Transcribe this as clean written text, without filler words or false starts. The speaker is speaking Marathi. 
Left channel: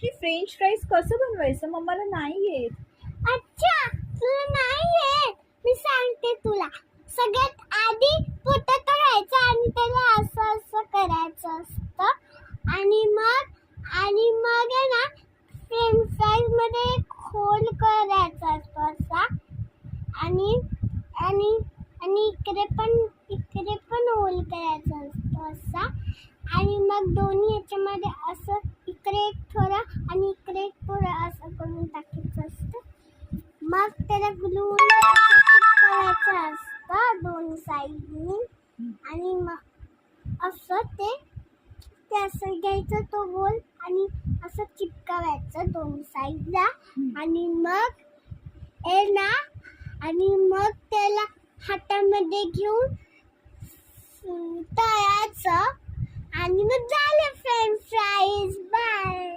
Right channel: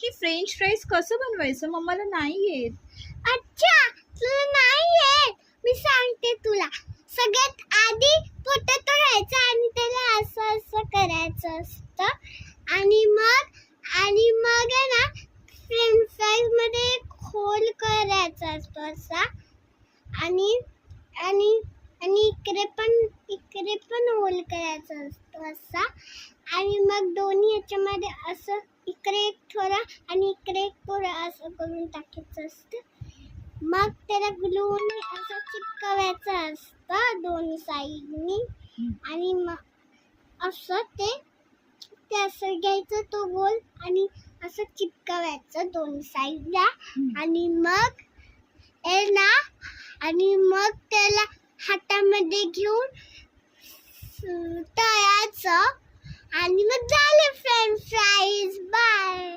की फ्रेंच फ्राईज कसं बनवायचं मला नाही येत. अच्छा, तुला नाही येत? मी सांगते तुला. सगळ्यात आधी पोटॅटो घ्यायचा आणि त्याला असं असं करायचं असतं आणि मग आहे ना फ्रेंच फ्राईज मध्ये होल करायचा असतो असा आणि आणि आणि इकडे पण होल करायचा असतो असा आणि मग दोन्ही ह्याच्यामध्ये असं इकडे एक थोडा आणि इकडे एक थोडा असं करून टाकायचं असतं. मग त्याला ग्लून चिपकवायचं असतं दोन्ही साईडनी आणि मग असं ते असं घ्यायचं तो गोल आणि असं चिपकवायचं दोन्ही साईडला आणि मग मग त्याला हातामध्ये घेऊन तळायचं आणि मग झाले फ्रेंच फ्राईज. बाय.